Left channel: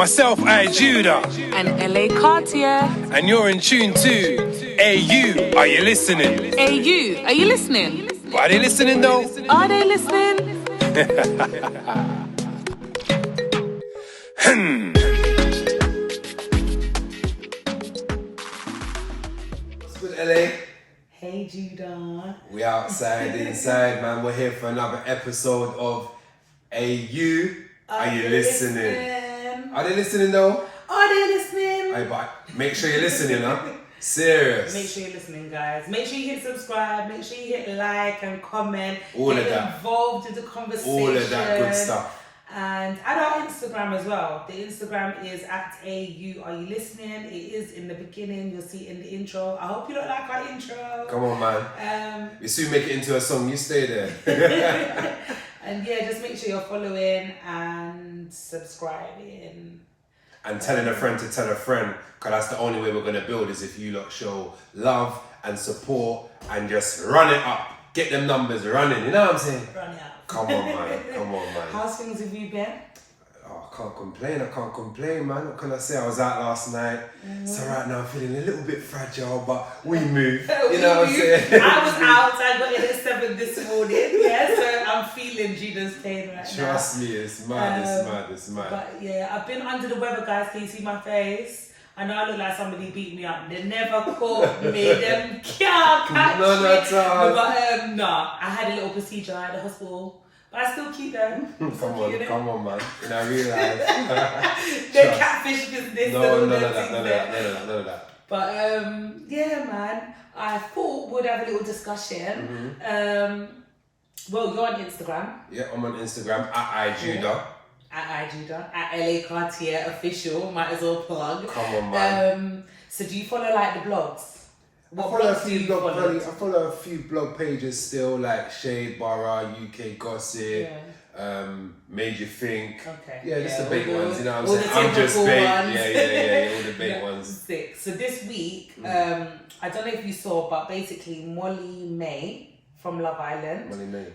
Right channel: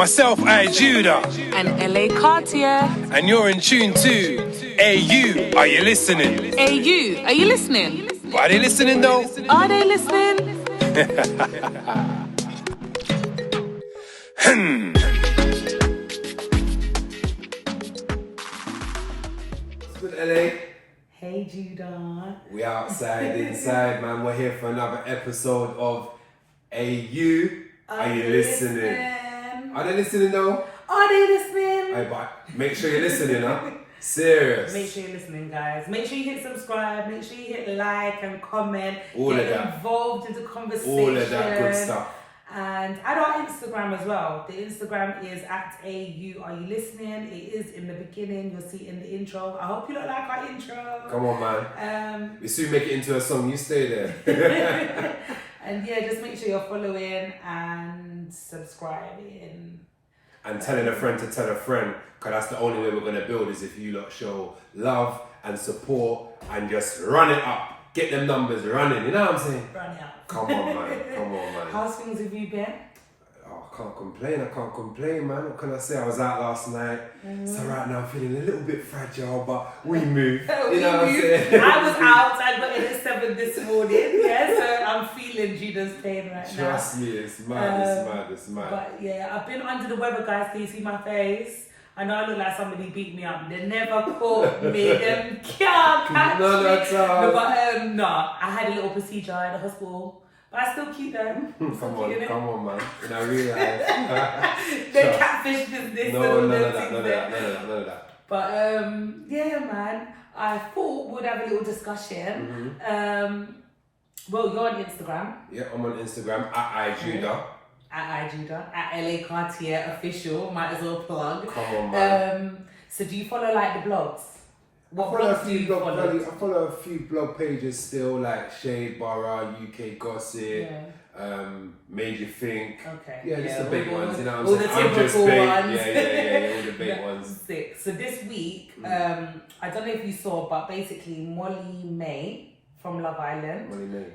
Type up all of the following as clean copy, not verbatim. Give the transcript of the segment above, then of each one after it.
Myself, Ayy U, and LA Cartier. and you're in tune to Ayy U. Are you listening? Ayy U, are you listening? Are they listening though? Are they listening? What's good, LA? Hey Judah. We outside, inside, man. We're here for another episode of Ayy U. Are you listening? Are they listening though? Are they listening? Aye, but make sure you're listening, huh? Serious. Make sure you're listening, guys. Make sure you hit subscribe. Make sure you hit like and comment. All Get of that. Involved in the conversation. All of that good stuff. And add our Instagram as well. The Instagram is @AU. Are you listening? It is in the beginning. You'll see it in the intro. I hope you don't like our intro. Come on, man. We soon make it into a song. You stay there. And yeah, just make sure you're following and subscribing. And telling a friend to tell a friend, because that's the only way we're going to build is if you lot show love and support and just run it up. Get them numbers running, you know what I'm saying? Run it up. Come on, man. Come on, man. How's things have you been? Oh, I can't complain, man. What can I say? I was out last night. So right now I'm feeling a little bit fragile, but we move. You know what I'm saying? I was out. I got in at 7 this morning. Yeah, so I'm feeling Judah's pain right now. Trust me, it's mad, it's mad. But yeah, I've been under the weather, guys. Can you see my face? I know I look like somebody beat me up. They never caught me. Them can't catch me. No, that's all. No, but no, I had a little procedure at the hospital. But I still keep them. Come on, man. And I realize. The catfish business. None of that. But yeah, man. I thought we'd have a little discussion. Well, you're on Instagram. Yeah, I'm on Instagram @IJudah. @IJudah, @LA Cartier official. Might as well plug. Come on, man. So do you follow like the blogs? What I follow blogs do you follow? I follow a few blog pages still, like Shade Borough, UK Gossip, Made You Think. Okay. Yeah, just the big ones, you know what I'm all saying? the I'm just typical big. ones. Yeah, all the big ones. Sick. So this week, I don't know if you saw, but basically Molly May from Love Island. Molly May.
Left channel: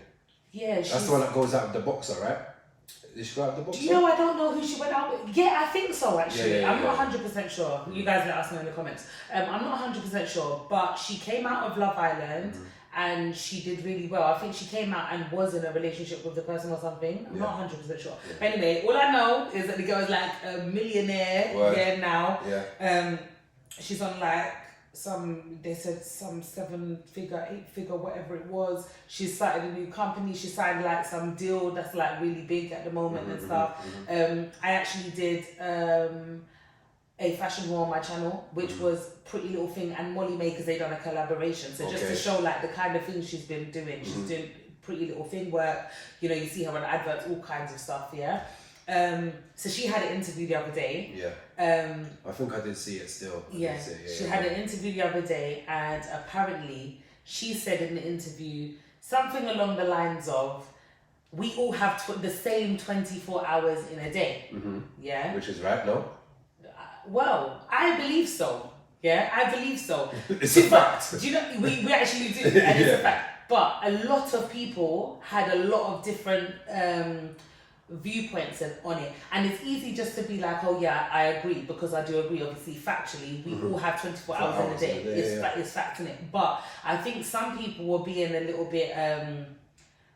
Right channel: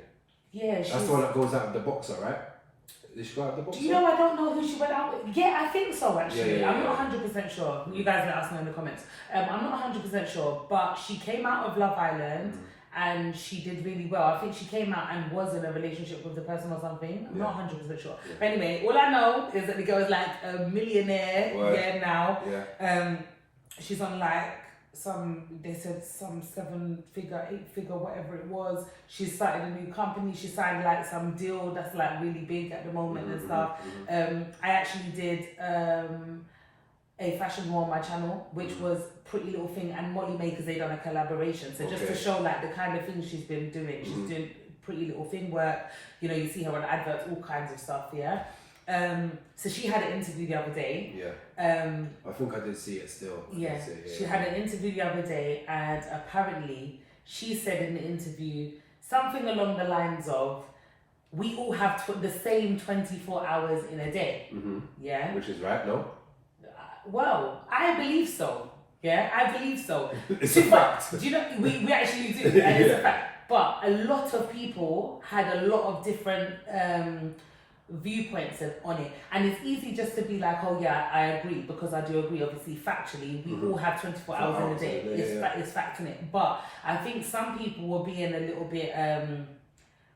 Yeah, That's the one that goes out with the boxer, right? Did she go out with the boxer? Do you know, I don't know who she went out with. Yeah, I think so actually. Yeah, I'm not 100% sure. You guys let us know in the comments. I'm not 100% sure, but she came out of Love Island and she did really well. I think she came out and was in a relationship with the person or something. I'm not 100% sure. Yeah. But anyway, all I know is that the girl is like a millionaire now. Yeah. She's on like they said some 7-figure, 8-figure, whatever it was. She started a new company. She signed like some deal that's like really big at the moment and stuff. I actually did a fashion roll on my channel, which was Pretty Little Thing and Molly May, because they done a collaboration. So just to show like the kind of things she's been doing. She's doing Pretty Little Thing work. You know, you see her on adverts, all kinds of stuff. Yeah. So she had an interview the other day. Yeah. I think I did see it still. She had an interview the other day, and apparently she said in the interview something along the lines of, we all have the same 24 hours in a day. Yeah. Which is right, no? Well, I believe so. Yeah, I believe so. It's a fact. Do you know, we actually do, and it's a fact. But a lot of people had a lot of different viewpoints on it, and it's easy just to be like, oh yeah, I agree, because I do agree. Obviously, factually, we all have 24 hours in a day. It's fact in it. But I think some people were being a little bit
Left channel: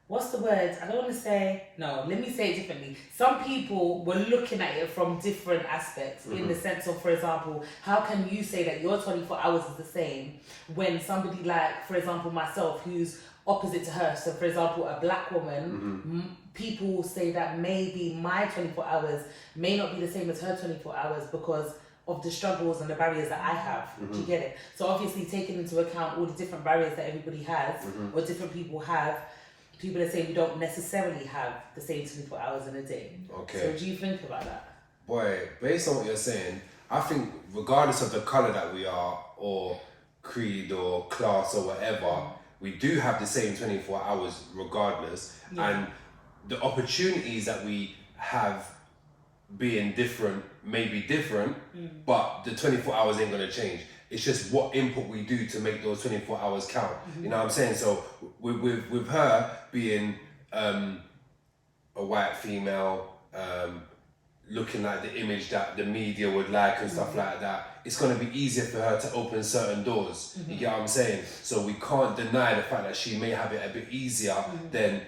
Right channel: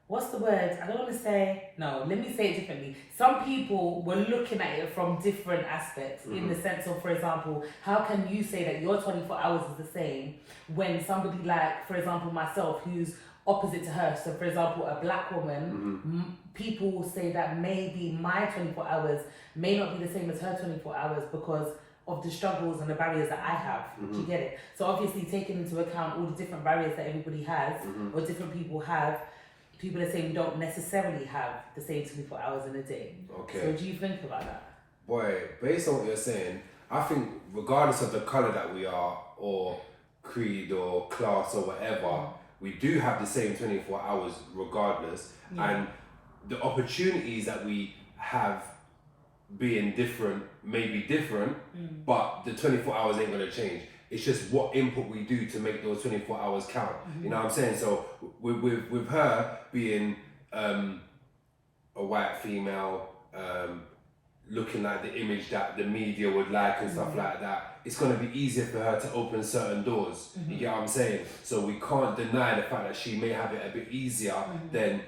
what's the word? I don't want to say. No, let me say it differently. Some people were looking at it from different aspects, in the sense of, for example, how can you say that your 24 hours is the same when somebody like, for example, myself, who's opposite to her, so for example, a black woman, people say that maybe my 24 hours may not be the same as her 24 hours because of the struggles and the barriers that I have. Do you get it? So obviously taking into account all the different barriers that everybody has, or different people have, people are saying we don't necessarily have the same 24 hours in a day. Okay. So what do you think about that? Boy, based on what you're saying, I think regardless of the colour that we are, or creed or class or whatever, we do have the same 24 hours regardless. And the opportunities that we have being different may be different, but the 24 hours ain't gonna change. It's just what input we do to make those 24 hours count. You know what I'm saying? So with her being a white female, looking like the image that the media would like and stuff like that, it's going to be easier for her to open certain doors. You get what I'm saying? So we can't deny the fact that she may have it a bit easier than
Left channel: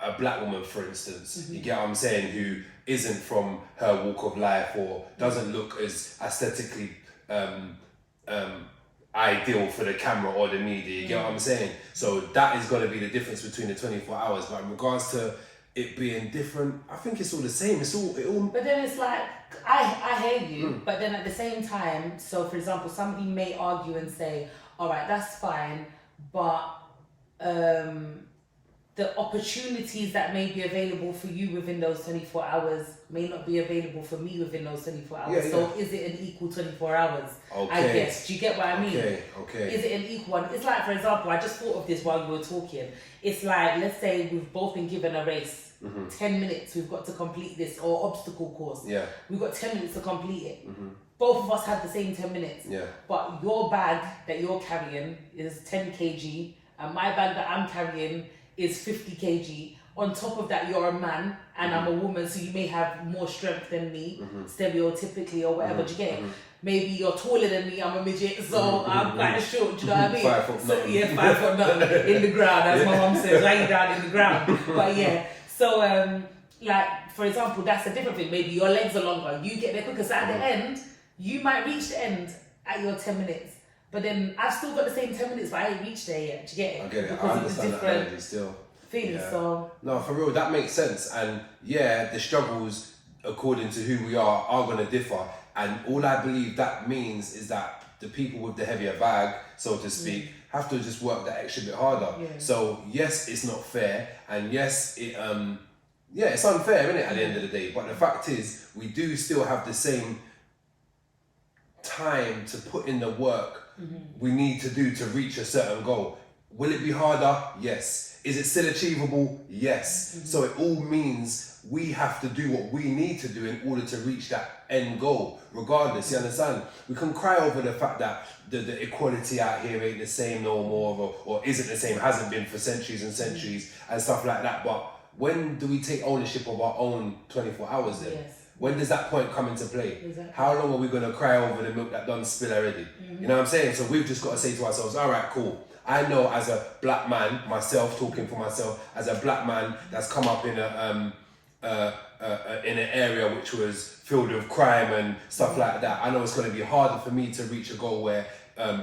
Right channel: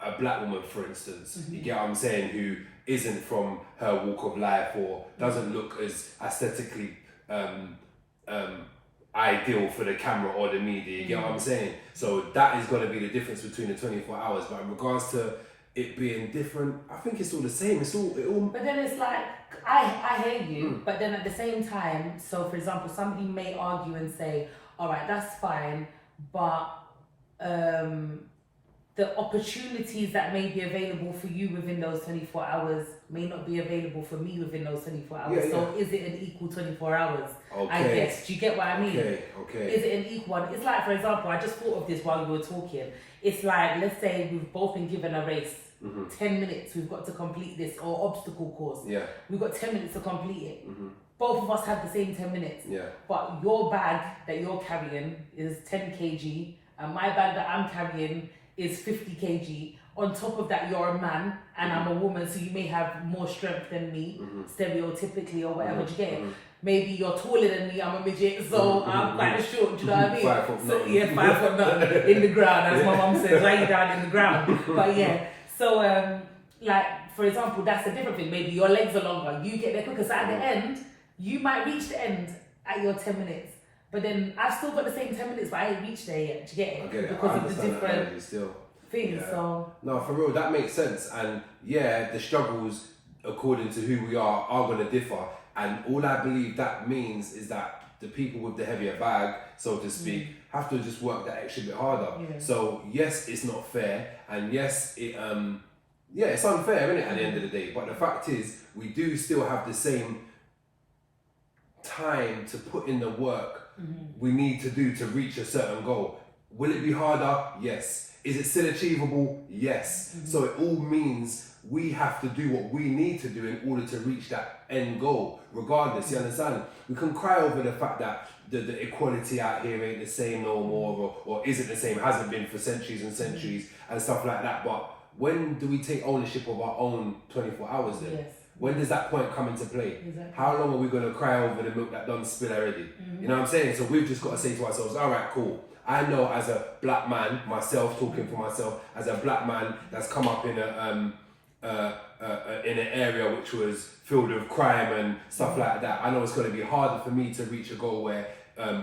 a black woman, for instance. You get what I'm saying? Who isn't from her walk of life or doesn't look as aesthetically ideal for the camera or the media. You get what I'm saying? So that is going to be the difference between the 24 hours. But in regards to it being different, I think it's all the same. It all. But then it's like, I hear you, but then at the same time, so for example, somebody may argue and say, all right, that's fine, but the opportunities that may be available for you within those 24 hours may not be available for me within those 24 hours. So is it an equal 24 hours? Okay. I guess. Do you get what I mean? Okay. Is it an equal one? It's like, for example, I just thought of this while you were talking. It's like, let's say we've both been given a race. 10 minutes, we've got to complete this, or obstacle course. Yeah. We've got 10 minutes to complete it. Both of us have the same 10 minutes. Yeah. But your bag that you're carrying is 10 kg, and my bag that I'm carrying is 50 kg. On top of that, you're a man and I'm a woman, so you may have more strength than me, stereotypically or whatever. Do you get it? Maybe you're taller than me, I'm a midget, so I'm quite short, do you know what I mean? 5 foot nothing. Yeah, 5 foot nothing in the ground, as my mum says, lay down in the ground. But yeah, so like, for example, that's a different thing. Maybe your legs are longer, you get there quicker, so at the end, you might reach the end at your 10 minutes. But then I've still got the same 10 minutes, but I ain't reached there yet. Do you get it? I get it. Because I understand that energy still. Things, so no, for real, that makes sense. And yeah, the struggles, according to who we are going to differ. And all I believe that means is that the people with the heavier bag, so to speak, have to just work that extra bit harder. Yeah. So yes, it's not fair, and yes, it's unfair, isn't it? At the end of the day, but the fact is, we do still have the same time to put in the work we need to do to reach a certain goal. Will it be harder? Yes. Is it still achievable? Yes. So it all means we have to do what we need to do in order to reach that end goal, regardless, you understand? We can cry over the fact that the equality out here ain't the same no more, or isn't the same, hasn't been for centuries and centuries and stuff like that. But when do we take ownership of our own 24 hours then? Yes. When does that point come into play? Exactly. How long are we going to cry over the milk that done spill already? You know what I'm saying? So we've just got to say to ourselves, all right, cool. I know as a black man, myself talking for myself, as a black man that's come up in an area which was filled with crime and stuff like that, I know it's going to be harder for me to reach a goal where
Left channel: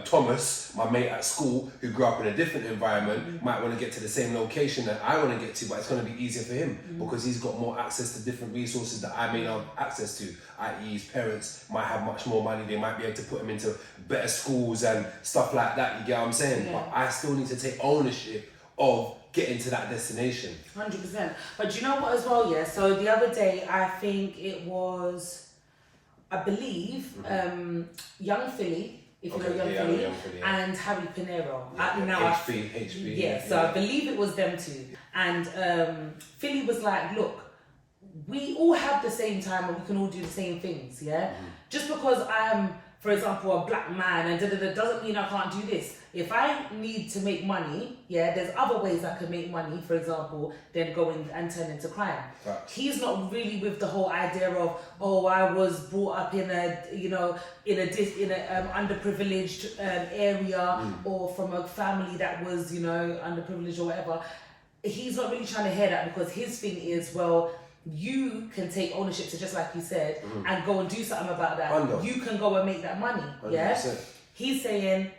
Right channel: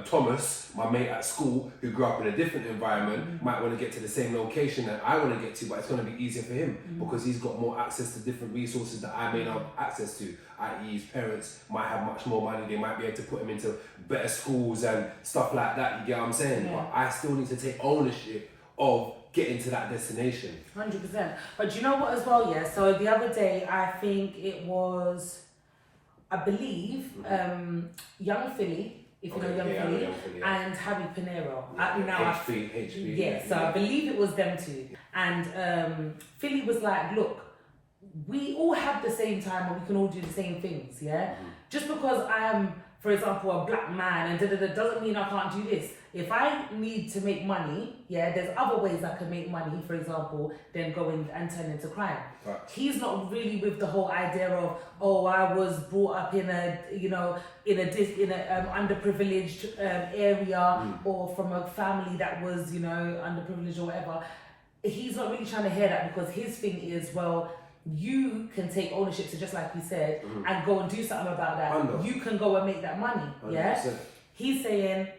Thomas, my mate at school, who grew up in a different environment, might want to get to the same location that I want to get to, but it's going to be easier for him because he's got more access to different resources that I may not have access to, i.e. his parents might have much more money, they might be able to put him into better schools and stuff like that, you get what I'm saying? Yeah. But I still need to take ownership of getting to that destination. 100%. But do you know what as well, yeah? So the other day, I think it was, I believe, Young Philly, if you know Young Philly, and Harry Pinero. HB. Yeah, so I believe it was them two. And Philly was like, look, we all have the same time and we can all do the same things, yeah? Just because I am, for example, a black man and doesn't mean I can't do this. If I need to make money, yeah, there's other ways I can make money, for example, than going and turn into crime. Right. He's not really with the whole idea of, oh, I was brought up in a, in a underprivileged area or from a family that was, underprivileged or whatever. He's not really trying to hear that because his thing is, well, you can take ownership, so just like you said, and go and do something about that. You can go and make that money, 100%. Yeah? He's saying,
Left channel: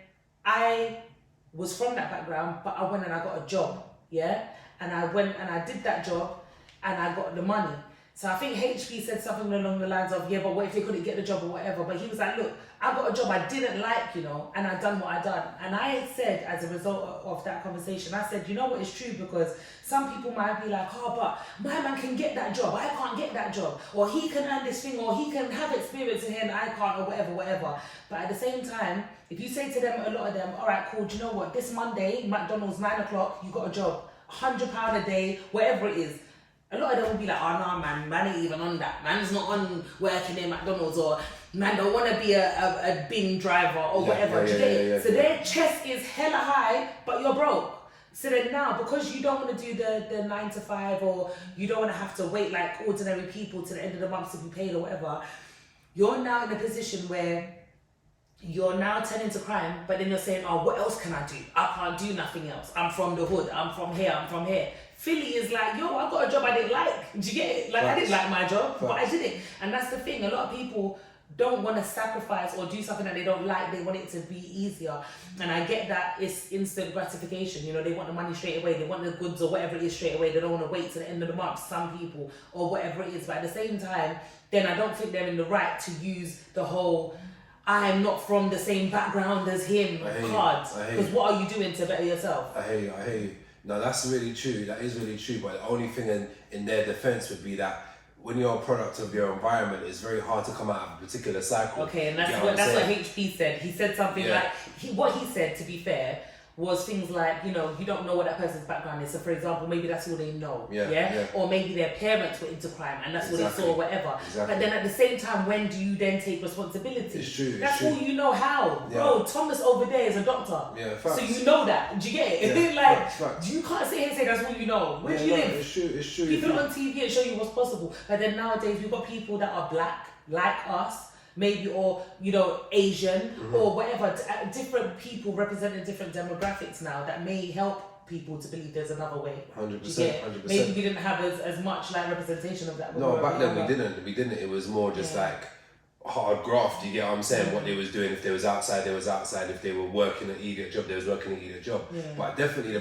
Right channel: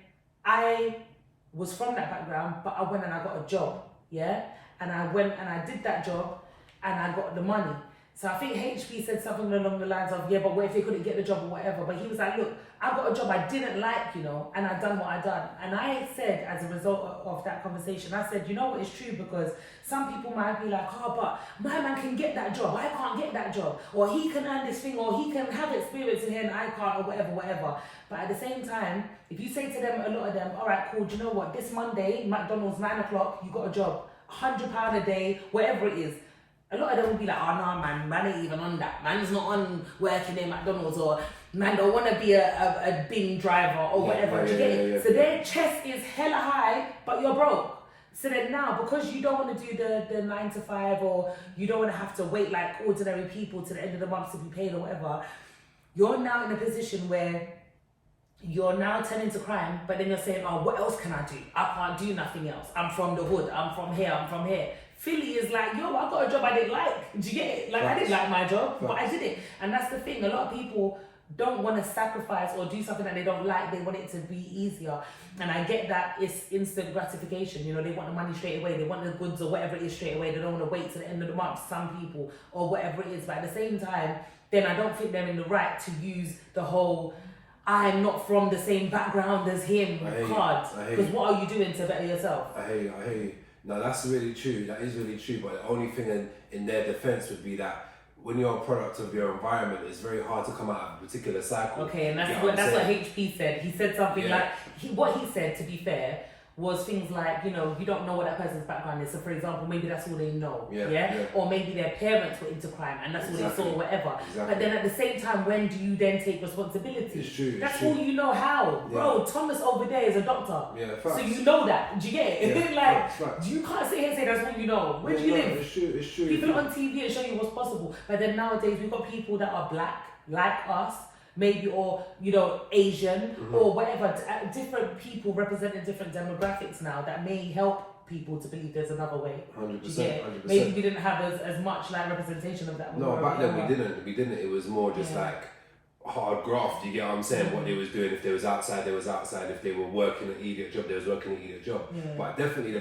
I was from that background, but I went and I got a job, yeah? And I went and I did that job and I got the money. So I think HB said something along the lines of, yeah, but what if he couldn't get the job or whatever? But he was like, look, I got a job I didn't like, and I done what I done. And I said, as a result of that conversation, I said, you know what, it's true, because some people might be like, oh, but my man can get that job, I can't get that job. Or he can earn this thing, or he can have experience in here and I can't, or whatever. But at the same time, if you say to them, a lot of them, all right, cool, do you know what, this Monday, McDonald's, 9 o'clock, you got a job, £100 a day, whatever it is. A lot of them will be like, oh no, man ain't even on that. Man's not on working in McDonald's, or man don't want to be a bin driver or whatever. So their chest is hella high, but you're broke. So then now, because you don't want to do the 9 to 5, or you don't want to have to wait like ordinary people to the end of the month to be paid or whatever, you're now in a position where you're now turning to crime, but then you're saying, oh, what else can I do? I can't do nothing else. I'm from the hood. I'm from here. Philly is like, yo, I got a job I didn't like. Do you get it? Like, I didn't like my job, but I did it. And that's the thing. A lot of people don't want to sacrifice or do something that they don't like. They want it to be easier. And I get that it's instant gratification. You know, they want the money straight away. They want the goods or whatever it is straight away. They don't want to wait till the end of the month, some people, or whatever it is. But at the same time, then I don't think they're in the right to use the whole, I'm not from the same background as him cards. Because what are you doing to better yourself? I hear you. No, that's really true. That is really true. But the only thing in their defense would be that when you're a product of your environment, it's very hard to come out of a particular cycle. Okay, and that's what HP said. He said something like, what he said, to be fair, was things like, you know, you don't know what that person's background is. So for example, maybe that's all they know, or maybe their parents were into crime and that's what they saw or whatever. But then at the same time, when do you then take responsibility? It's true. That's all you know how. Bro, Thomas over there is a doctor. So you know that. Do you get it? Yeah, facts. You can't sit here and say that's all you know. Where do you live? It's true. People on TV and show you what's possible. But then nowadays we've got people that are black, like us, maybe, or, you know, Asian, or whatever, different people representing different demographics now that may help people to believe there's another way. 100%. Maybe we didn't have as much like representation of that. No, back then we didn't. It was more just like hard graft, you get what I'm saying? What they was doing, if they was outside, they was outside. If they were working an idiot job, they was working an idiot job. But definitely the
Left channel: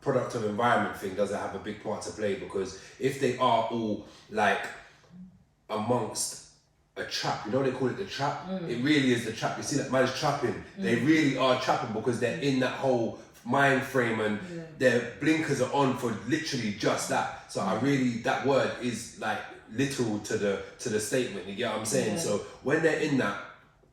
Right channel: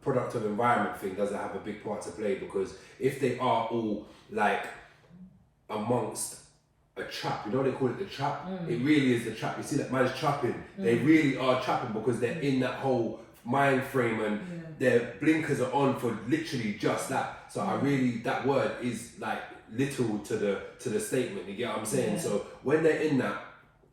product of environment thing doesn't have a big part to play, because if they are all like amongst a trap, you know they call it the trap? It really is the trap. You see that man's trapping. They really are trapping because they're in that whole mind frame and their blinkers are on for literally just that. So I really, that word is like literal to the statement, you get what I'm saying? So when they're in that,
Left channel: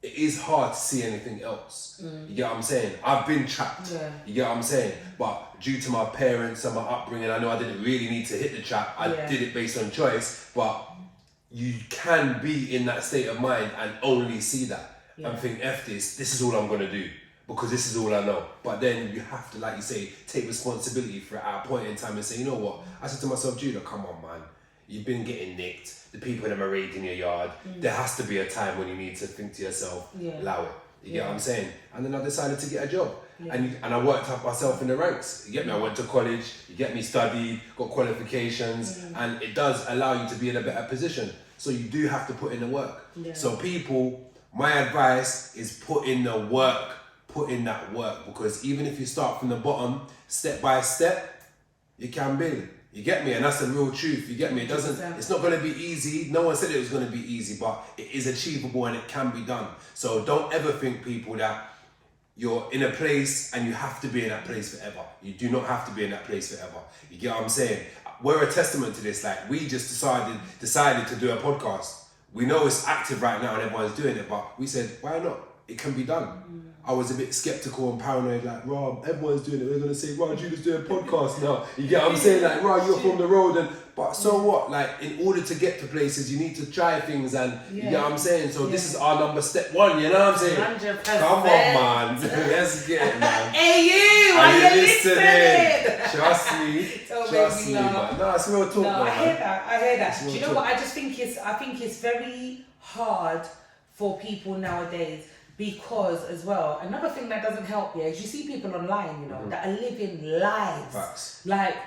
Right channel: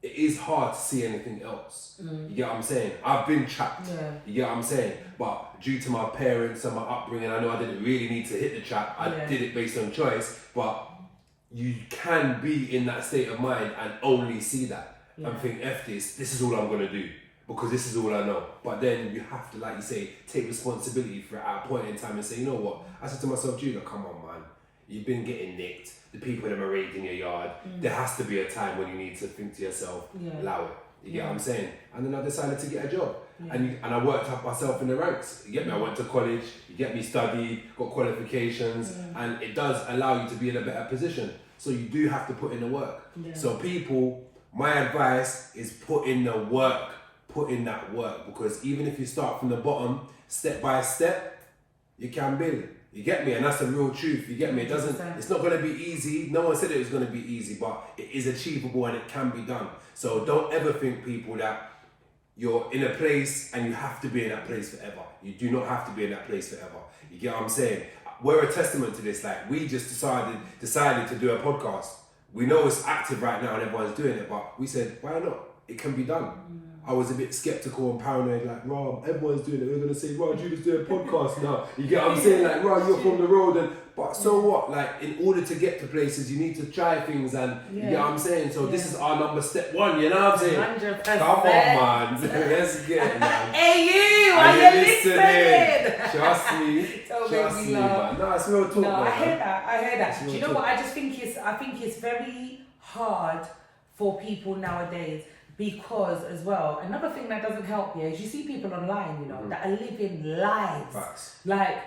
it is hard to see anything else. You get what I'm saying? I've been trapped. You get what I'm saying? But due to my parents and my upbringing, I know I didn't really need to hit the trap. I did it based on choice, but you can be in that state of mind and only see that and think, F this is all I'm gonna do because this is all I know. But then you have to, like you say, take responsibility for it at a point in time and say, you know what? I said to myself, Judah, come on, man. You've been getting nicked. The people that are raiding your yard. There has to be a time when you need to think to yourself, allow it. You get what I'm saying? And then I decided to get a job. And I worked up myself in the ranks. You get me? I went to college. You get me? Studied, got qualifications, and it does allow you to be in a better position. So you do have to put in the work. So people, my advice is put in the work. Put in that work, because even if you start from the bottom, step by step, you can build. You get me? And that's the real truth. You get me? It's not going to be easy. No one said it was going to be easy, but it is achievable and it can be done. So don't ever think, people, that you're in a place and you have to be in that place forever. You do not have to be in that place forever. You get what I'm saying? We're a testament to this. Like, we just decided to do a podcast. We know it's active right now and everyone's doing it, but we said, why not? It can be done. I was a bit skeptical and paranoid, like, Rob, everyone's doing it. We're gonna say, Rob, Judah's doing a podcast now. You get what I'm saying? Like, Rob, you're from the road, but so what? Like, in order to get to places, you need to try things, and you get what I'm saying? So this is our step one, you know what I'm saying? 100%. Come on, man. Let's get it, man. Ayy U, are you listening? Trust me. Trust me, man. No, it's real talk, man. I hear that. Do you know what? I think it's very hard for people nowadays. Because as well, another thing that doesn't help is you see people online, you know, that are living lives. Like,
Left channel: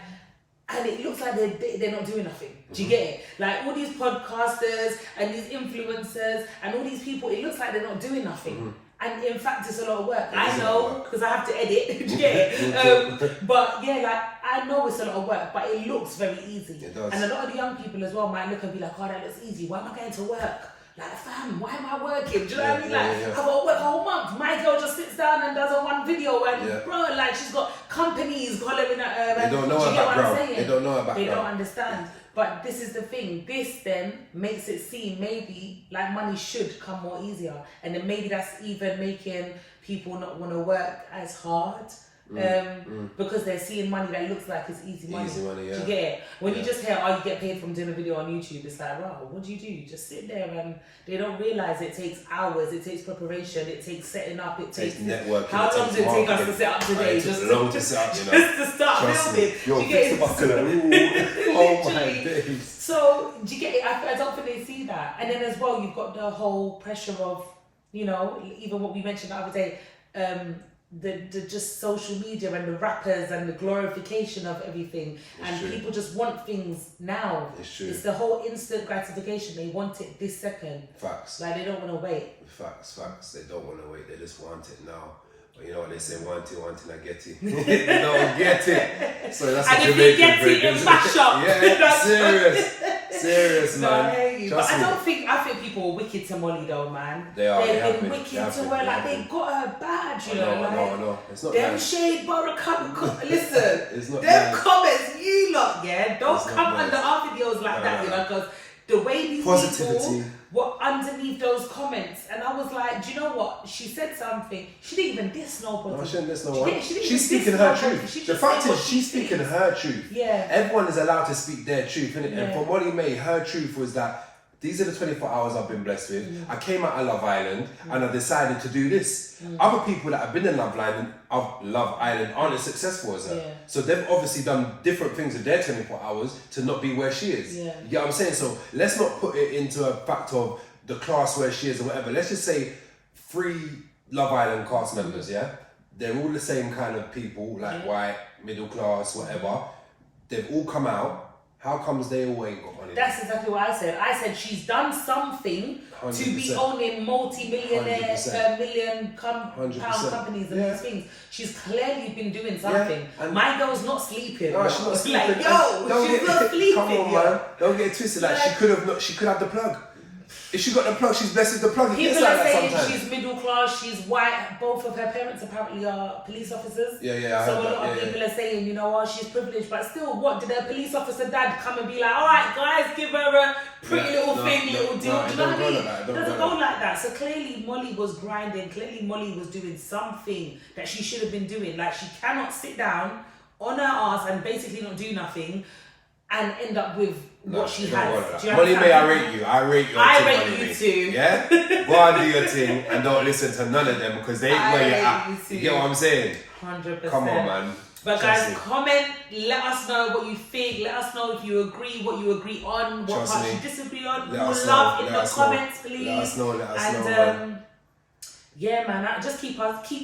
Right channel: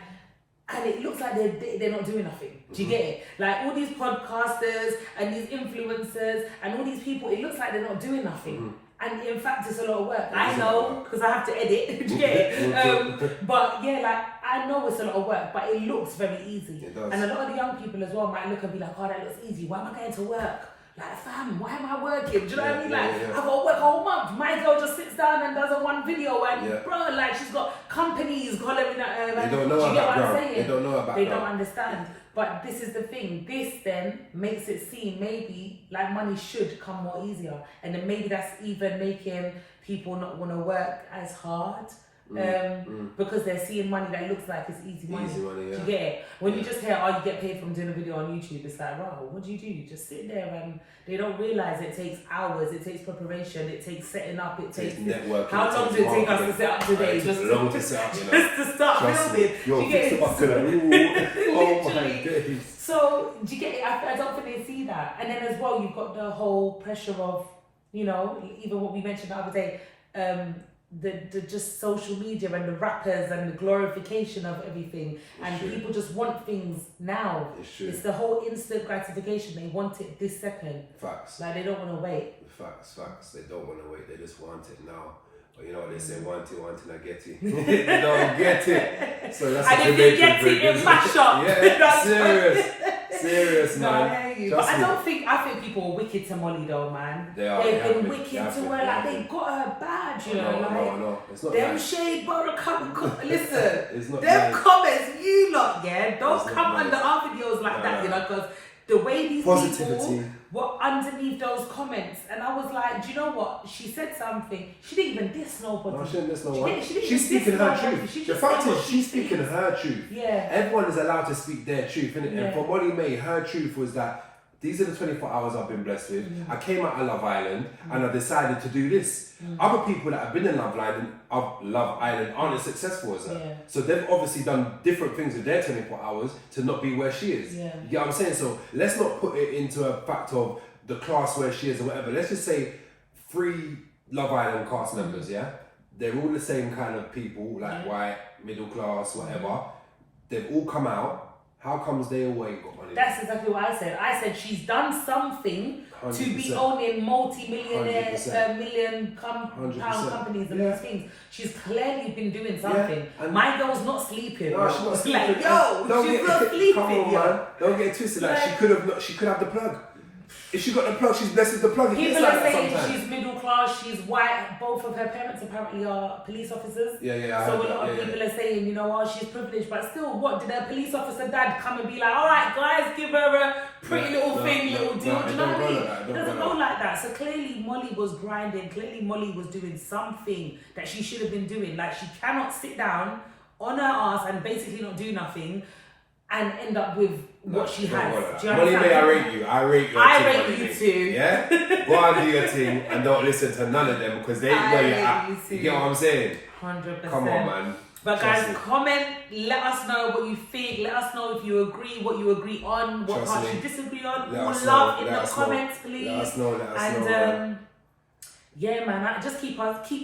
and it looks like they're not doing nothing. Do you get it? Like, all these podcasters and these influencers and all these people, it looks like they're not doing nothing. And in fact, it's a lot of work. I know, because I have to edit. Do you get it? But yeah, like, I know it's a lot of work, but it looks very easy. It does. And a lot of the young people as well might look and be like, oh, that looks easy. Why am I going to work? Like, fam, why am I working? Do you know what I mean? Like, I've got to work a whole month. My girl just sits down and does a one video, and bro, like, she's got companies hollering at her. They don't know her background. They don't know her background. They don't understand. But this is the thing. This then makes it seem maybe like money should come more easier, and then maybe that's even making people not want to work as hard because they're seeing money that looks like it's easy money. Easy money, yeah. Do you get it? When you just hear, oh, you get paid from doing a video on YouTube, it's like, wow, what do? You just sit there, and they don't realise it takes hours, it takes preparation, it takes setting up, it takes networking. How long does it take us to set up today? Just long to set up, you know. Just to start building. Yo, do you get it? Oh my days. So, do you get it? I don't think they see that. And then as well, you've got the whole pressure of, you know, even what we mentioned the other day, the just social media and the rappers and the glorification of everything. And people just want things now. It's the whole instant gratification. They want it this second. Facts. Like, they don't want to wait. Facts. They don't want to wait. They just want it now. But you know what they say, want it, I get it. They don't get it. So that's and a if they Jamaican get it, mash up. Yeah, serious, no, man. I hear you. But I think people were wicked to Molly though, man. They are. They've been wicked to her. Like, they got her bad, you know. No. It's not them nice. shade bottle listen, it's not them nice. comments, you lot, yeah, don't it's come under our videos like that, you know, because the way these people were underneath those comments, and I was like, do you know what? She said something. She didn't even diss nobody. No, she didn't diss no one. She's speaking her truth. The fact is, she's speaking her truth. Yeah. Everyone is allowed to speak their truth, innit? Yeah. And for Molly May, her truth was that these are the 24 hours I've been blessed with. I came out of Love Island and I decided to do this. Other people that have been in Love Island aren't as successful as her. Yeah. So they've obviously done different things in their 24 hours to not be where she is. Yeah. You get what I'm saying? So let's not put it into a fact of the class where she is or whatever. Let's just say 3 Love Island cast members, yeah? They're all the same kind of people, like white, middle class, whatever. They've all come out. How comes they all ain't got money? That's exactly what I said. I said she's done something 100%. to be owning multi-millionaire, 100%. million pound 100%. companies and these things. She's clearly been doing something. And my girl's not sleeping. No, she's not sleeping. Like, yo, she's not sleeping. Come on, man. Don't get it twisted. Like, she could have the plug. If she got the plug, she's blessed with the plug. People like are that saying sometimes. she's middle class, she's white. Both of her parents apparently are police officers. Yeah. So a lot of people are saying, you know, oh, she's privileged, but still, what did her police officer dad come and be like? All right, guys, give her a pretty little thing, little deal. Do you know what I mean? It doesn't go like that. So clearly, Molly was grinding. Clearly, Molly was doing something that she should have been doing. Like, she cannot sit down on her ass and basically not do nothing and end up with what she has. Molly May, I rate you. I rate your I thing, rate Molly you May. too. Yeah? Go and do your thing and don't listen to none of them because they ain't where you're at. You get what I'm saying? 100%. Come on, man. But guys, comment, let us know what you think. Let us know if you agree, what you agree on, what parts you disagree on. Let us love know. in the comments, please. Let us know, and, man. Yeah, man, just keep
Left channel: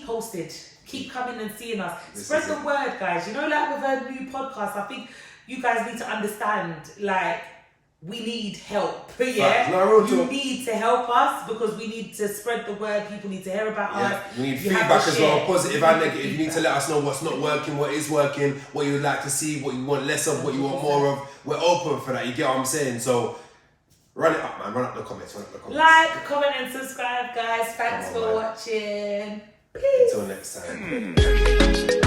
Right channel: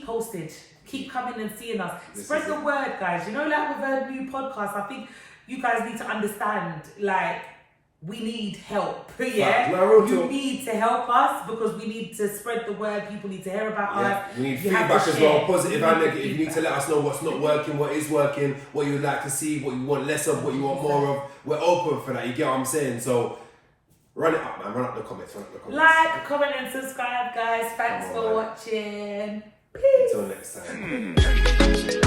posted. Keep coming and seeing us. Spread the word, guys. You know, like with our new podcast, I think you guys need to understand, like, we need help, yeah? You need to help us because we need to spread the word. People need to hear about us. We need feedback as well, positive and negative. You need to let us know what's not working, what is working, what you would like to see, what you want less of, what you want more of. We're open for that, you get what I'm saying? So, run it up, man. Run up the comments. Like, comment and subscribe, guys. Thanks for watching. Peace. Until next time.